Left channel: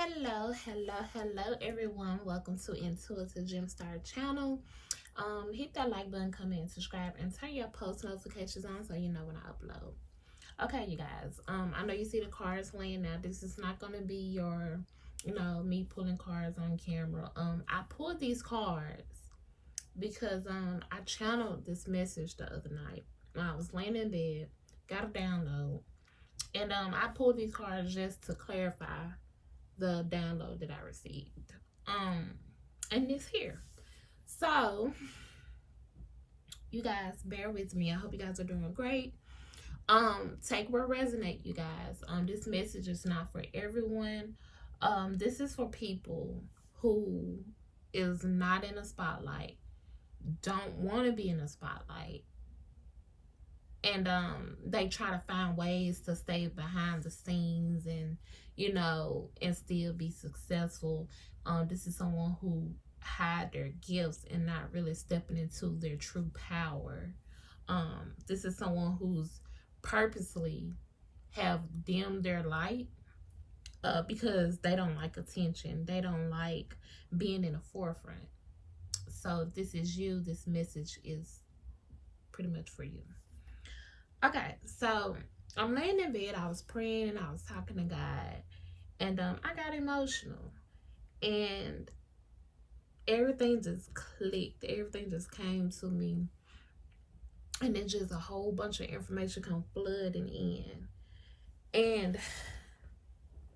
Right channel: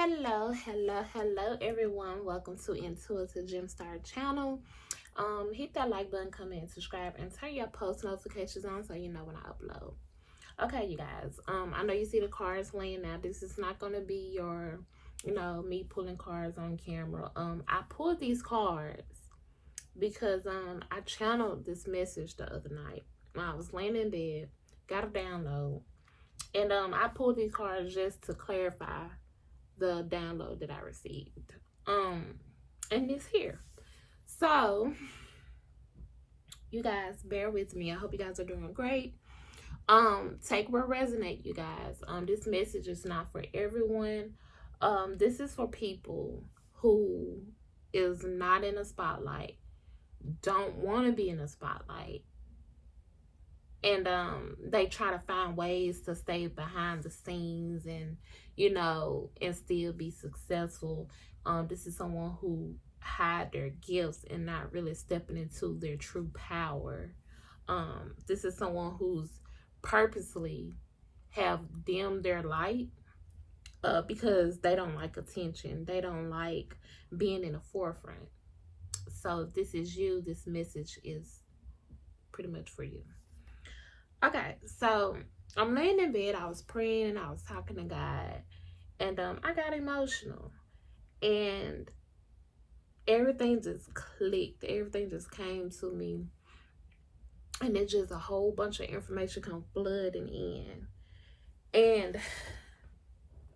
Hello everyone. Welcome to Intuitive Gemstar channel. Hit that like button, comment, subscribe, and turn your post notifications on so you know when I upload. Okay, you guys. I know you see the cards laying out. This is not gonna be your, me pulling cards on camera. I pulled these cards because I channeled this message the other night. I was laying in bed, got a download, and I pulled these cards just to clarify the download that I received. And it's here. So, you guys, bear with me. I hope you guys are doing great. Take what resonate, you guys. This message is not for everyone. This is for people who is not in a spotlight, don't want to be in a spotlight, and they try to find ways to stay behind the scenes and and still be successful. This is someone who hide their gifts and not really stepping into their true power. This is someone who's purposely have dimmed their light because they don't like attention, they don't like being in the forefront. So if this is you, this message is pretty much for you. Okay, so I'm laying in bed, I was praying and I was talking to God, and I got emotional, and everything just clicked, everything just came to me, and then just a whole bunch of information come flooding in. And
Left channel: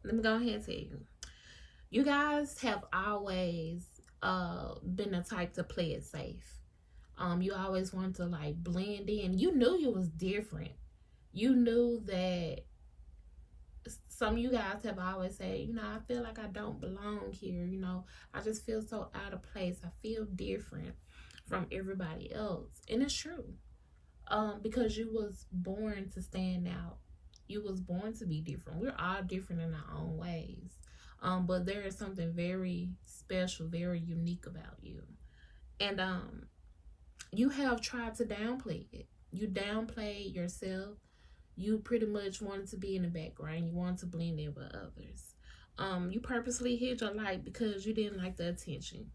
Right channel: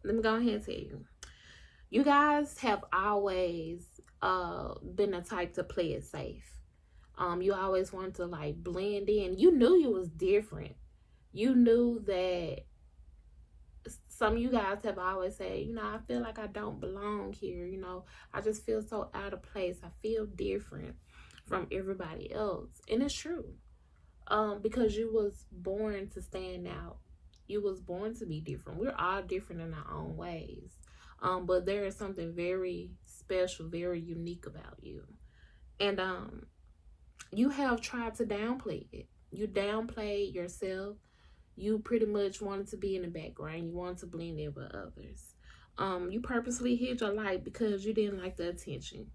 let me go ahead and tell you, you guys have always been the type to play it safe. You always wanted to like blend in. You knew you was different. You knew that some of you guys have always said, I feel like I don't belong here. I just feel so out of place. I feel different from everybody else. And it's true. Because you was born to stand out. You was born to be different. We're all different in our own ways. But there is something very special, very unique about you. And you have tried to downplay it. You downplayed yourself. You pretty much wanted to be in the background. You wanted to blend in with others. You purposely hid your light because you didn't like the attention.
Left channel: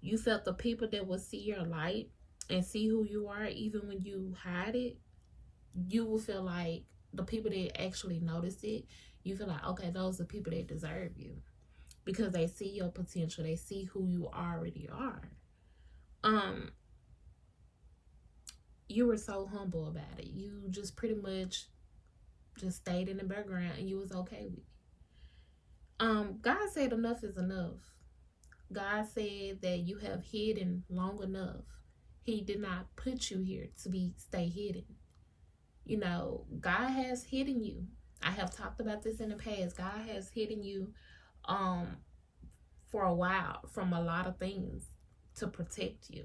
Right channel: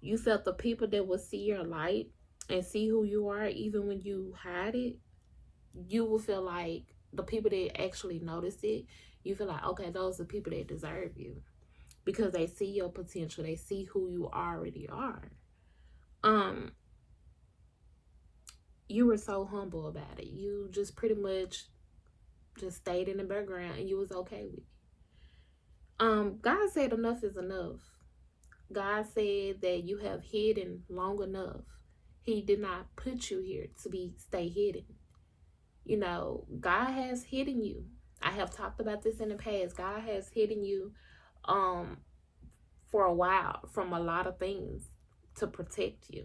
You felt the people that would see your light and see who you are, even when you hide it, you will feel like the people that actually notice it, you feel like, okay, those are the people that deserve you because they see your potential. They see who you already are. You were so humble about it. You just pretty much just stayed in the background and you was okay with it. God said enough is enough. God said that you have hidden long enough. He did not put you here to stay hidden. God has hidden you. I have talked about this in the past. God has hidden you for a while from a lot of things to protect you.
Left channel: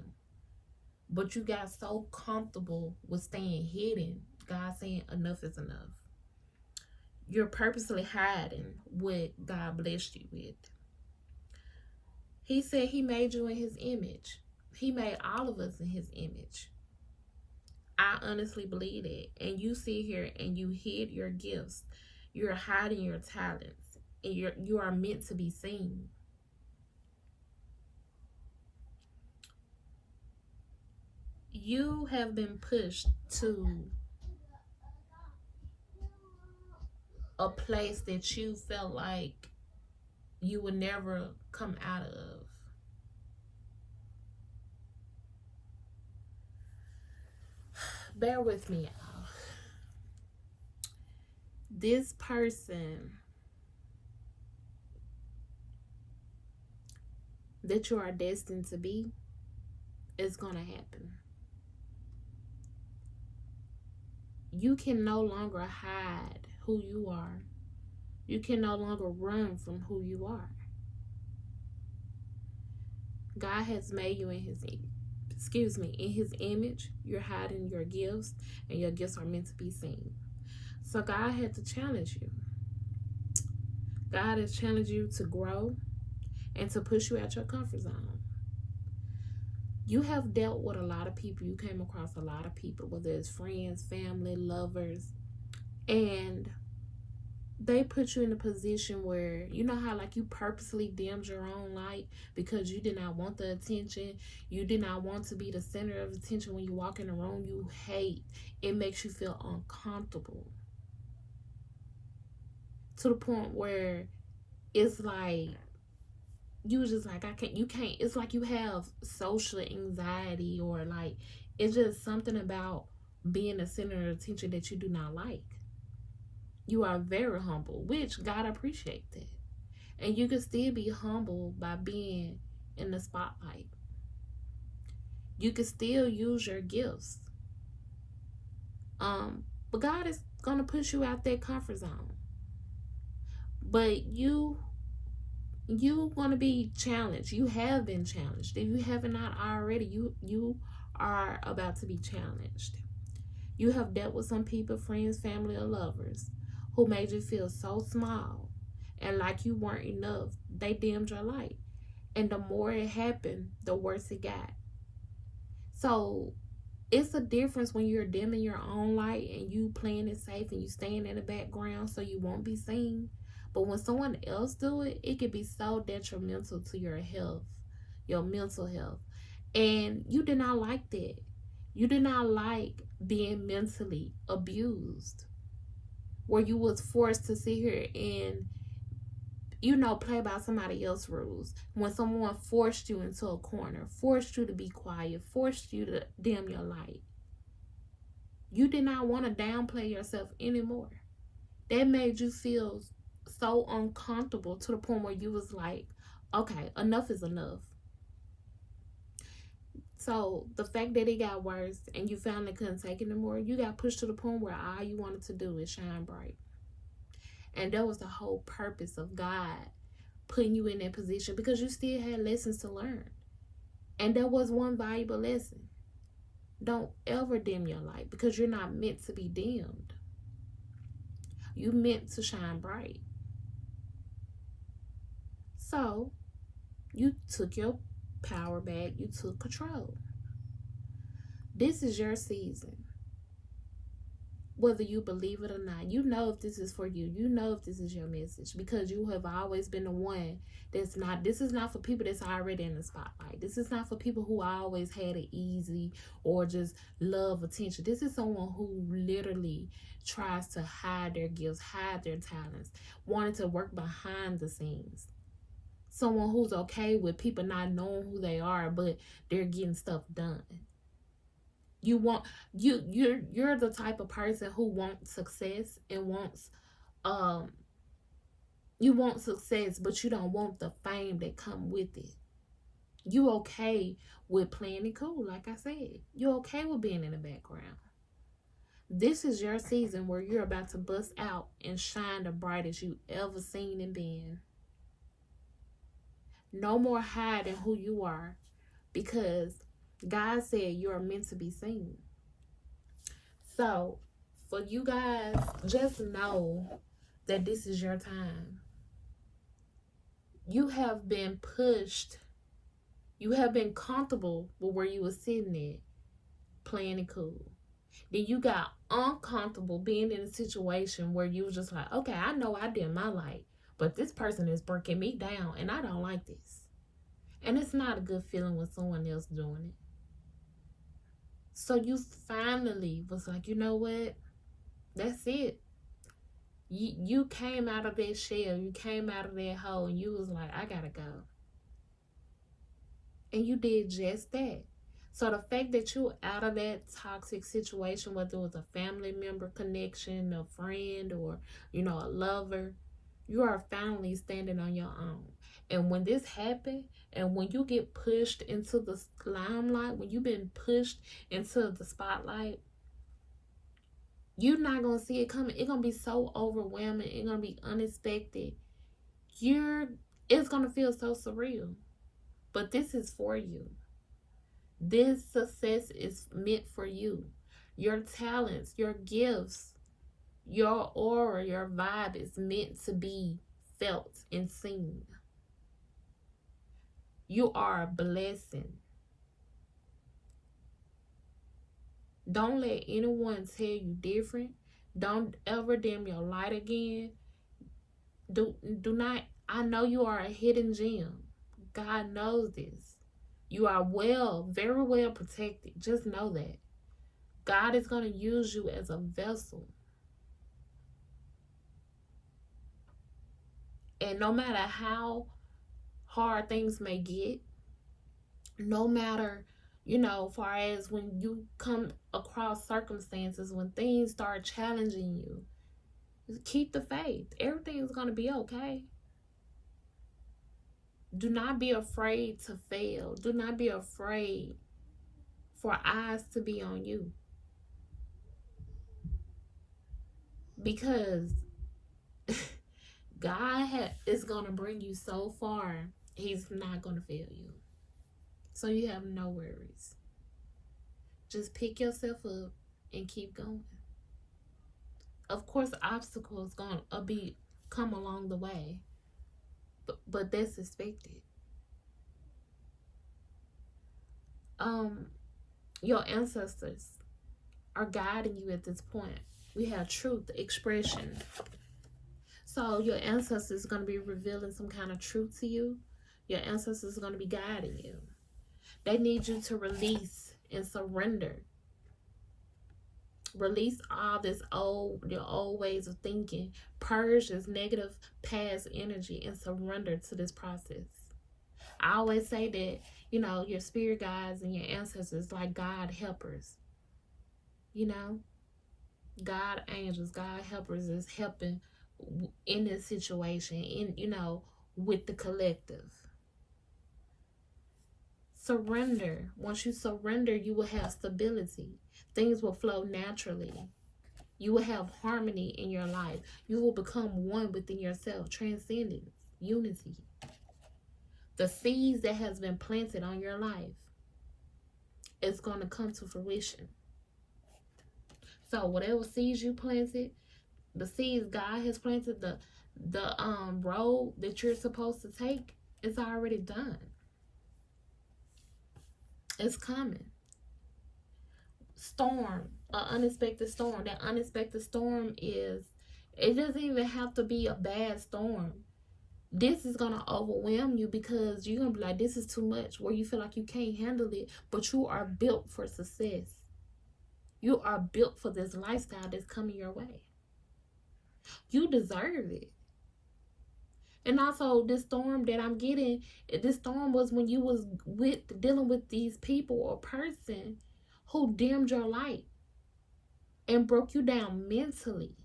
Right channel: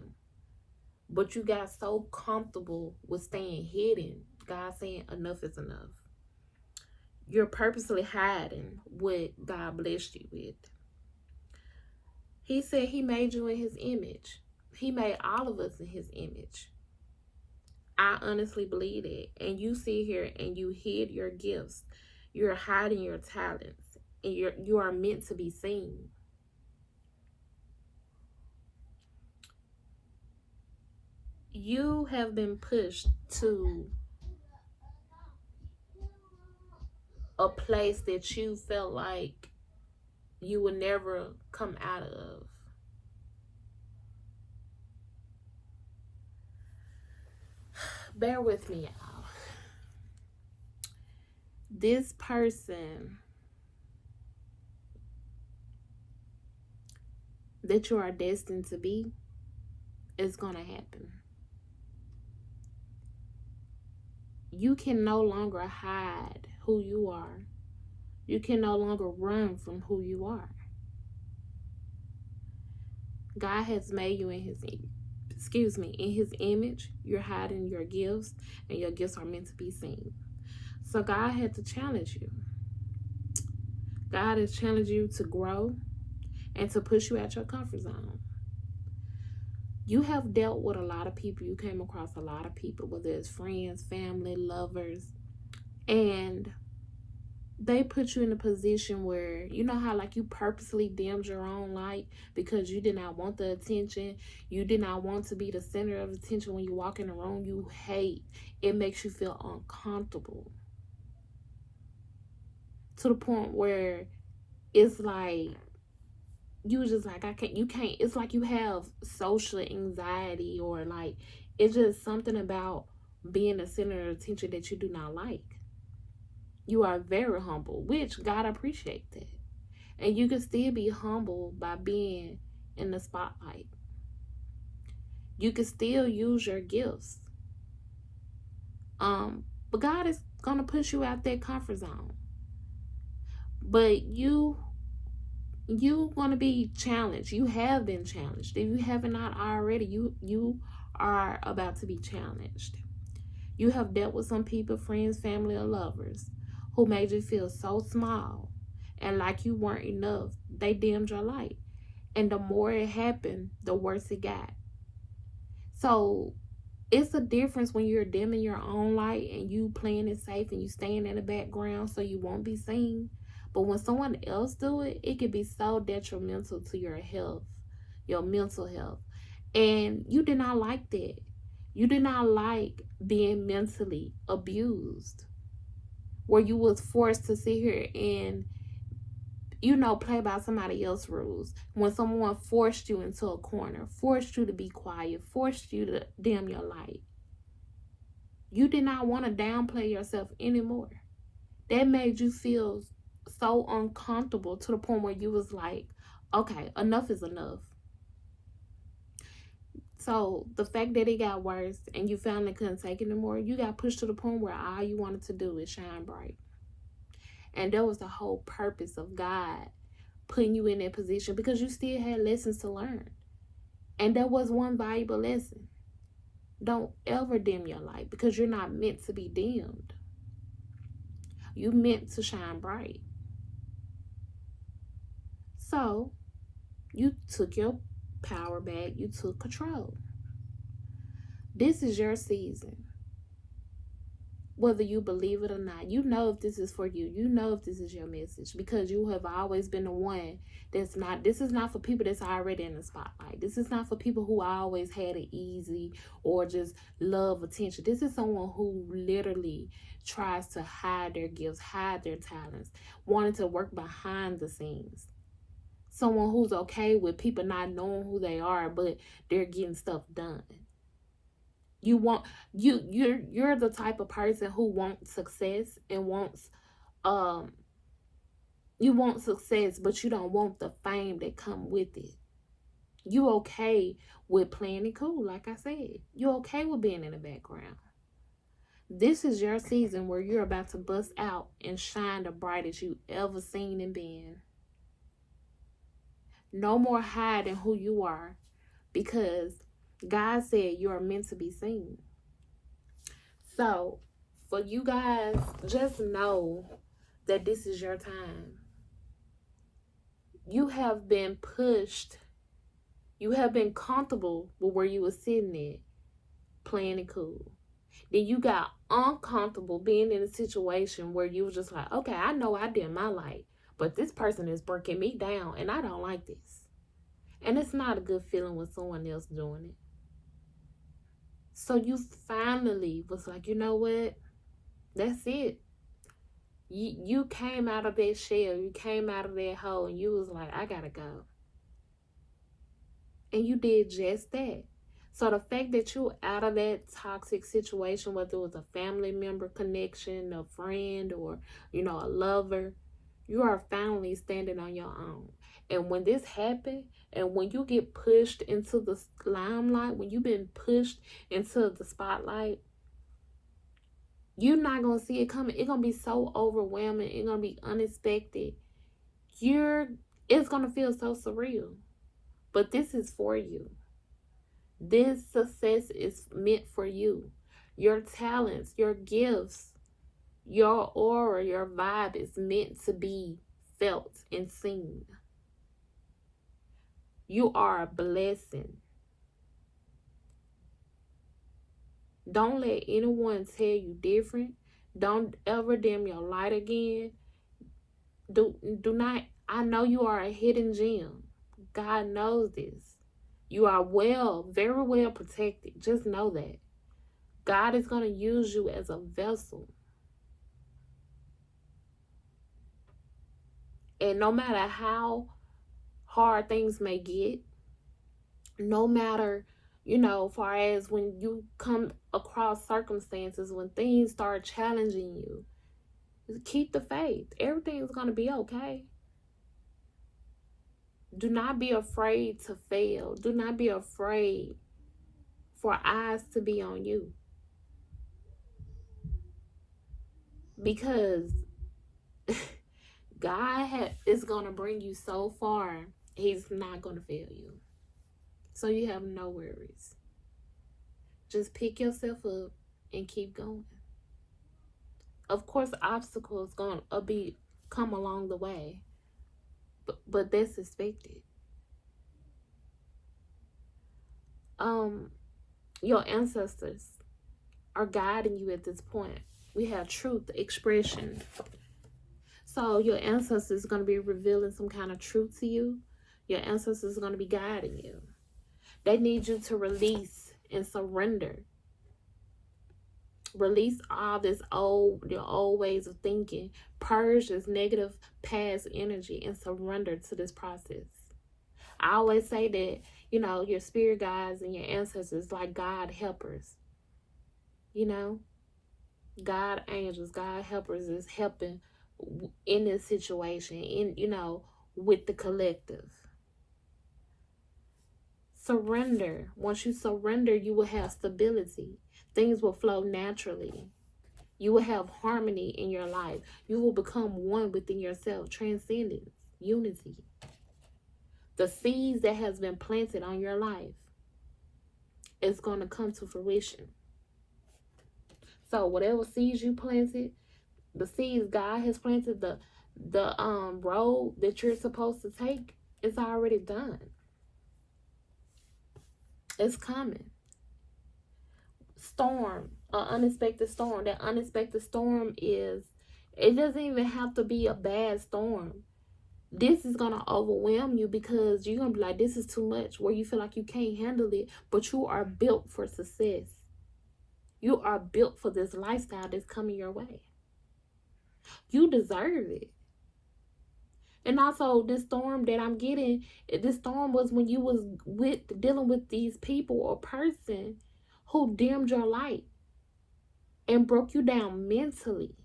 But you got so comfortable with staying hidden. God saying enough is enough. You're purposely hiding what God blessed you with. He said he made you in his image. He made all of us in his image. I honestly believe it. And you sit here and you hid your gifts. You're hiding your talents. And you are meant to be seen. You have been pushed to a place that you felt like you would never come out of. Bear with me, y'all. This person that you are destined to be is going to happen. You can no longer hide who you are. You can no longer run from who you are. God has made you in his image. You're hiding your gifts, and your gifts are meant to be seen. So God had to challenge you. God has challenged you to grow and to push you out your comfort zone. You have dealt with a lot of people. You came across a lot of people, whether it's friends, family, lovers, and they put you in a position where, you know how like you purposely dimmed your own light because you did not want the attention, you did not want to be the center of attention. When you walk in a room you hate, it makes you feel uncomfortable to the point where it's like you just like, you can't, it's like you have social anxiety, or like it's just something about being the center of attention that you do not like. You are very humble, which God appreciates that. And you can still be humble by being in the spotlight. You can still use your gifts. But God is gonna push you out that comfort zone. But you want to be challenged. You have been challenged. If you have not already, you are about to be challenged. You have dealt with some people, friends, family, or lovers, who made you feel so small and like you weren't enough. They dimmed your light. And the more it happened, the worse it got. So it's a difference when you're dimming your own light and you playing it safe and you staying in the background so you won't be seen. But when someone else do it, it can be so detrimental to your health, your mental health. And you did not like that. You did not like being mentally abused, where you was forced to sit here and, you know, play by somebody else's rules. When someone forced you into a corner, forced you to be quiet, forced you to dim your light. You did not want to downplay yourself anymore. That made you feel so uncomfortable to the point where you was like, okay, enough is enough. So the fact that it got worse and you finally couldn't take it anymore, you got pushed to the point where all you wanted to do is shine bright. And that was the whole purpose of God putting you in that position, because you still had lessons to learn. And that was one valuable lesson. Don't ever dim your light, because you're not meant to be dimmed. You're meant to shine bright. So you took your power back. You took control. This is your season. Whether you believe it or not, you know if this is for you. You know if this is your message, because you have always been the one that's not, this is not for people that's already in the spotlight. This is not for people who always had it easy or just love attention. This is someone who literally tries to hide their gifts, hide their talents, wanting to work behind the scenes. Someone who's okay with people not knowing who they are, but they're getting stuff done. You're the type of person who wants success and wants you want success, but you don't want the fame that come with it. You okay with playing it cool, like I said. You okay with being in the background. This is your season where you're about to bust out and shine the brightest you ever seen and been. No more hiding who you are, because God said you're meant to be seen. So, for you guys, just know that this is your time. You have been pushed. You have been comfortable with where you were sitting at, playing it cool. Then you got uncomfortable being in a situation where you was just like, okay, I know I did my light, but this person is breaking me down and I don't like this. And it's not a good feeling when someone else doing it. So you finally was like, you know what? That's it. You came out of that shell. You came out of that hole and you was like, I gotta go. And you did just that. So the fact that you out of that toxic situation, whether it was a family member connection, a friend, or, you know, a lover, you are finally standing on your own. And when this happened, and when you get pushed into the limelight, when you've been pushed into the spotlight, you're not going to see it coming. It's going to be so overwhelming. It's going to be unexpected. It's going to feel so surreal. But this is for you. This success is meant for you. Your talents, your gifts, your aura, your vibe is meant to be felt and seen. You are a blessing. Don't let anyone tell you different. Don't ever dim your light again. Do not, I know you are a hidden gem. God knows this. You are very well protected. Just know that. God is going to use you as a vessel. And no matter how hard things may get, no matter, far as when you come across circumstances, when things start challenging you, keep the faith. Everything's going to be okay. Do not be afraid to fail. Do not be afraid for eyes to be on you. Because God is going to bring you so far, he's not going to fail you. So you have no worries. Just pick yourself up and keep going. Of course, obstacles going to come along the way, but that's expected. Your ancestors are guiding you at this point. We have truth expression. So your ancestors are going to be revealing some kind of truth to you. Your ancestors are going to be guiding you. They need you to release and surrender. Release all your old ways of thinking. Purge this negative past energy and surrender to this process. I always say that, your spirit guides and your ancestors like God helpers. God angels, God helpers is helping in this situation, with the collective. Surrender. Once you surrender, you will have stability. Things will flow naturally. You will have harmony in your life. You will become one within yourself. Transcendence, unity. The seeds that has been planted on your life is going to come to fruition. So whatever seeds you planted, the seeds God has planted, the road that you're supposed to take, it's already done. It's coming. Storm, an unexpected storm. That unexpected storm it doesn't even have to be a bad storm. This is going to overwhelm you because you're going to be like, this is too much, where you feel like you can't handle it, but you are built for success. You are built for this lifestyle that's coming your way. You deserve it. And also, this storm that I'm getting, this storm was when you was dealing with these people or person who dimmed your light and broke you down mentally.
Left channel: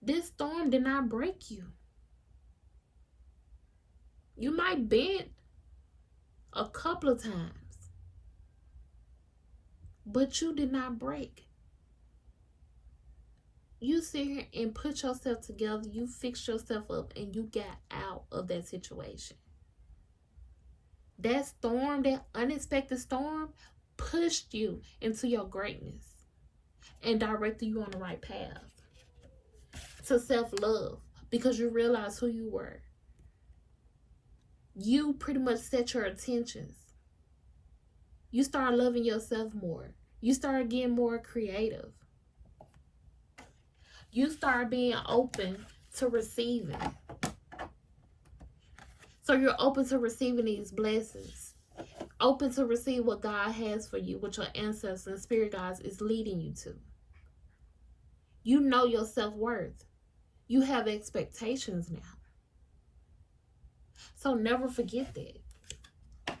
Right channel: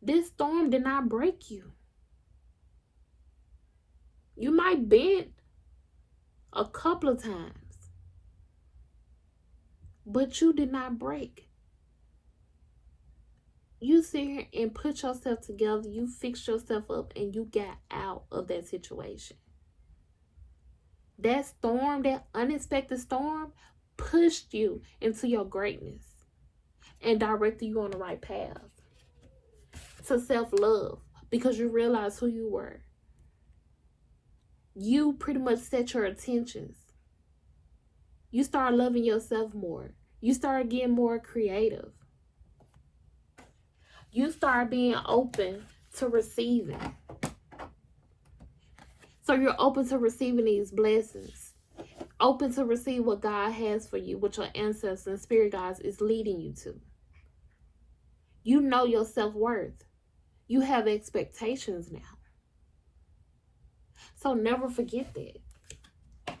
This storm did not break you. You might bend a couple of times, but you did not break. You sit here and put yourself together, you fixed yourself up, and you got out of that situation. That storm, that unexpected storm, pushed you into your greatness and directed you on the right path to self-love, because you realized who you were. You pretty much set your intentions. You start loving yourself more. You start getting more creative. You start being open to receiving. So you're open to receiving these blessings. Open to receive what God has for you, what your ancestors and spirit guides is leading you to. You know your self-worth. You have expectations now. So never forget that.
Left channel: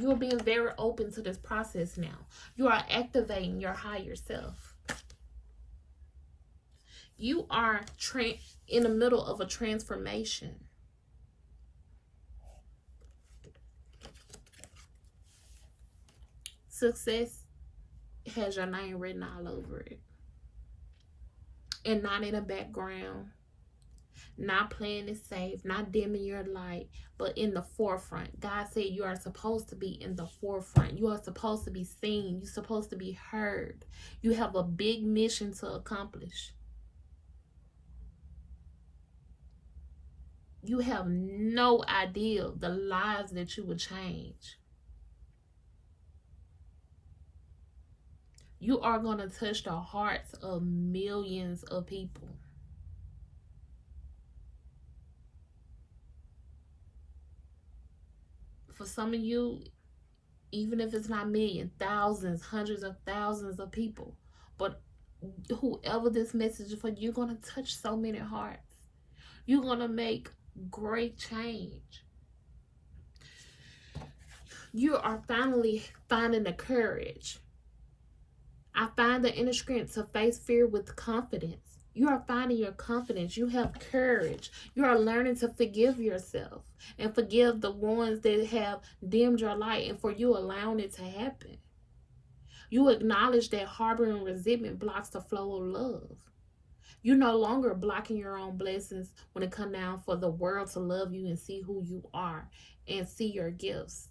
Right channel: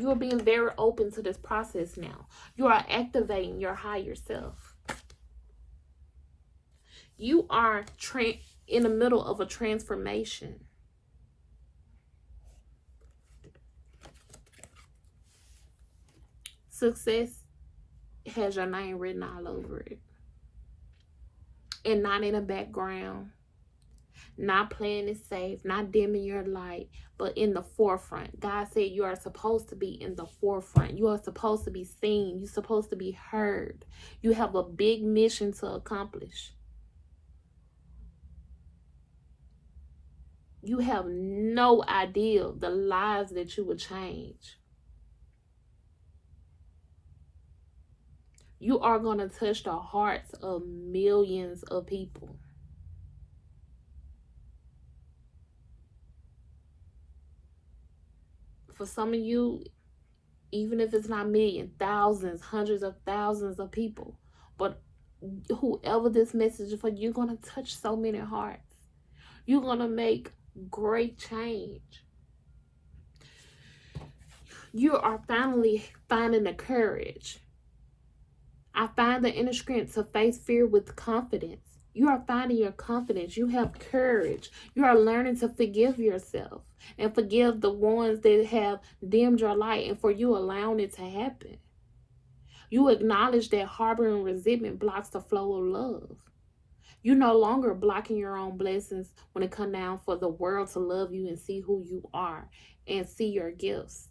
You are being very open to this process now. You are activating your higher self. You are in the middle of a transformation. Success has your name written all over it. And not in the background. Not playing it safe. Not dimming your light. But in the forefront. God said you are supposed to be in the forefront. You are supposed to be seen. You're supposed to be heard. You have a big mission to accomplish. You have no idea the lives that you would change. You are going to touch the hearts of millions of people. For some of you, even if it's not million, thousands, hundreds of thousands of people. But whoever this message is for, you're going to touch so many hearts. You're going to make great change. You are finally finding the courage. I find the inner strength to face fear with confidence. You are finding your confidence. You have courage. You are learning to forgive yourself and forgive the ones that have dimmed your light and for you allowing it to happen. You acknowledge that harboring resentment blocks the flow of love. You're no longer blocking your own blessings when it comes down for the world to love you and see who you are and see your gifts.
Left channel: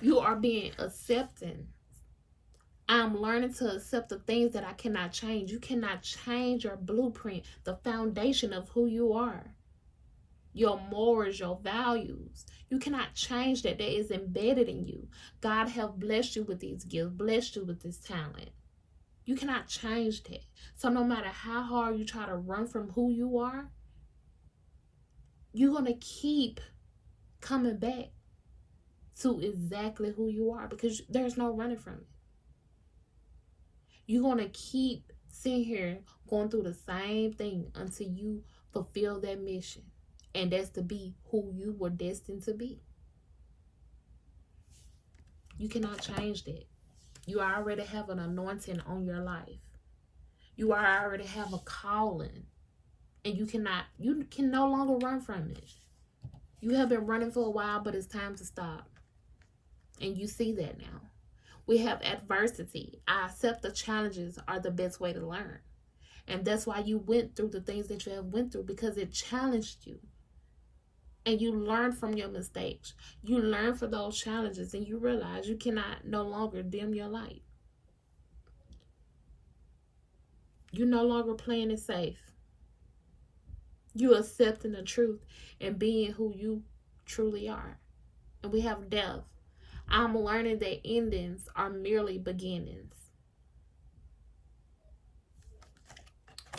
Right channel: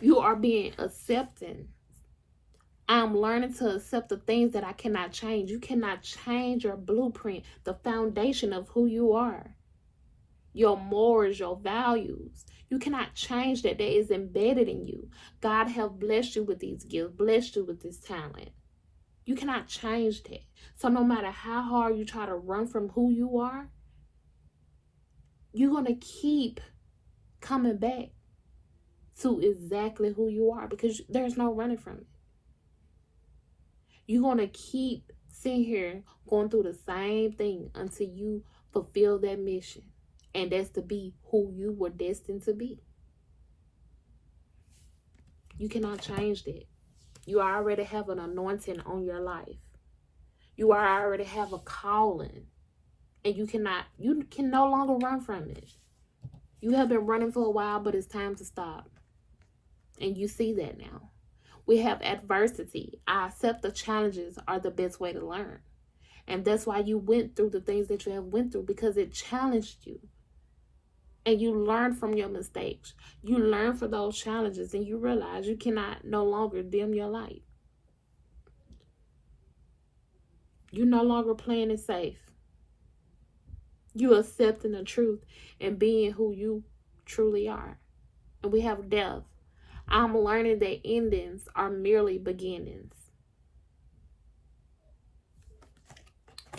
You are being accepting. I'm learning to accept the things that I cannot change. You cannot change your blueprint, the foundation of who you are. Your morals, your values. You cannot change that. That is embedded in you. God have blessed you with these gifts, blessed you with this talent. You cannot change that. So no matter how hard you try to run from who you are, you're going to keep coming back to exactly who you are because there's no running from it. You're going to keep sitting here going through the same thing until you fulfill that mission. And that's to be who you were destined to be. You cannot change that. You already have an anointing on your life. You already have a calling. And you can no longer run from it. You have been running for a while, but it's time to stop. And you see that now. We have adversity. I accept the challenges are the best way to learn. And that's why you went through the things that you have went through, because it challenged you. And you learn from your mistakes. You learn from those challenges and you realize you cannot no longer dim your light. You're no longer playing it safe. You accepting the truth and being who you truly are. And we have death. I'm learning that endings are merely beginnings.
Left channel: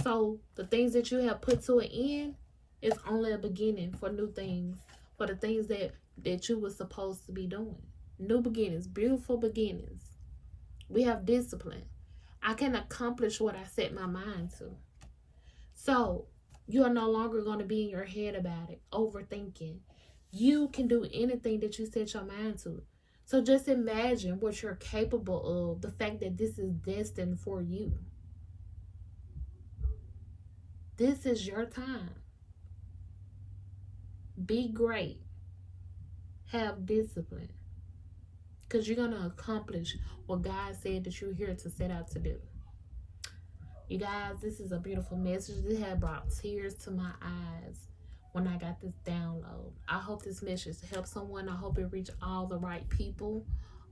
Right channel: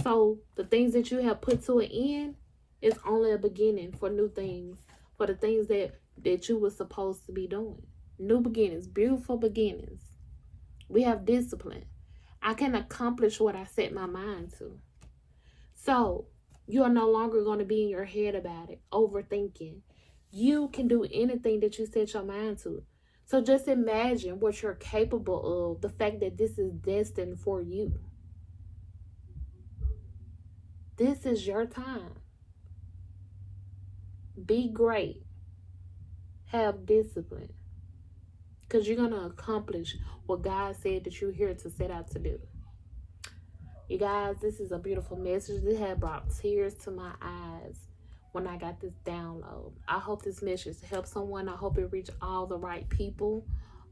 So the things that you have put to an end is only a beginning for new things, for the things that you were supposed to be doing. New beginnings, beautiful beginnings. We have discipline. I can accomplish what I set my mind to. So you are no longer going to be in your head about it, overthinking. You can do anything that you set your mind to. So just imagine what you're capable of, the fact that this is destined for you. This is your time. Be great. Have discipline. Because you're going to accomplish what God said that you're here to set out to do. You guys, this is a beautiful message. This had brought tears to my eyes when I got this download. I hope this message helps someone. I hope it reached all the right people.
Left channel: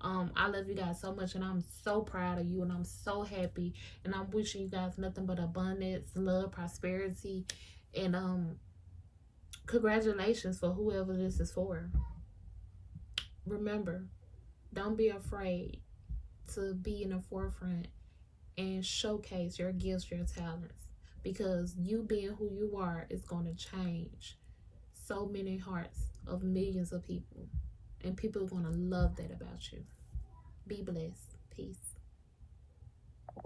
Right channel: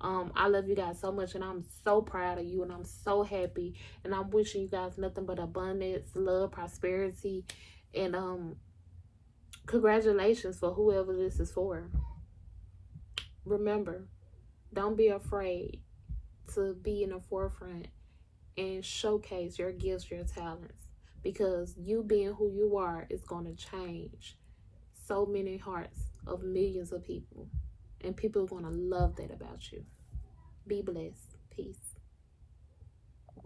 I love you guys so much, and I'm so proud of you, and I'm so happy, and I'm wishing you guys nothing but abundance, love, prosperity, and congratulations for whoever this is for. Remember, don't be afraid to be in the forefront and showcase your gifts, your talents, because you being who you are is going to change so many hearts of millions of people, and people are going to love that about you. Be blessed. Peace.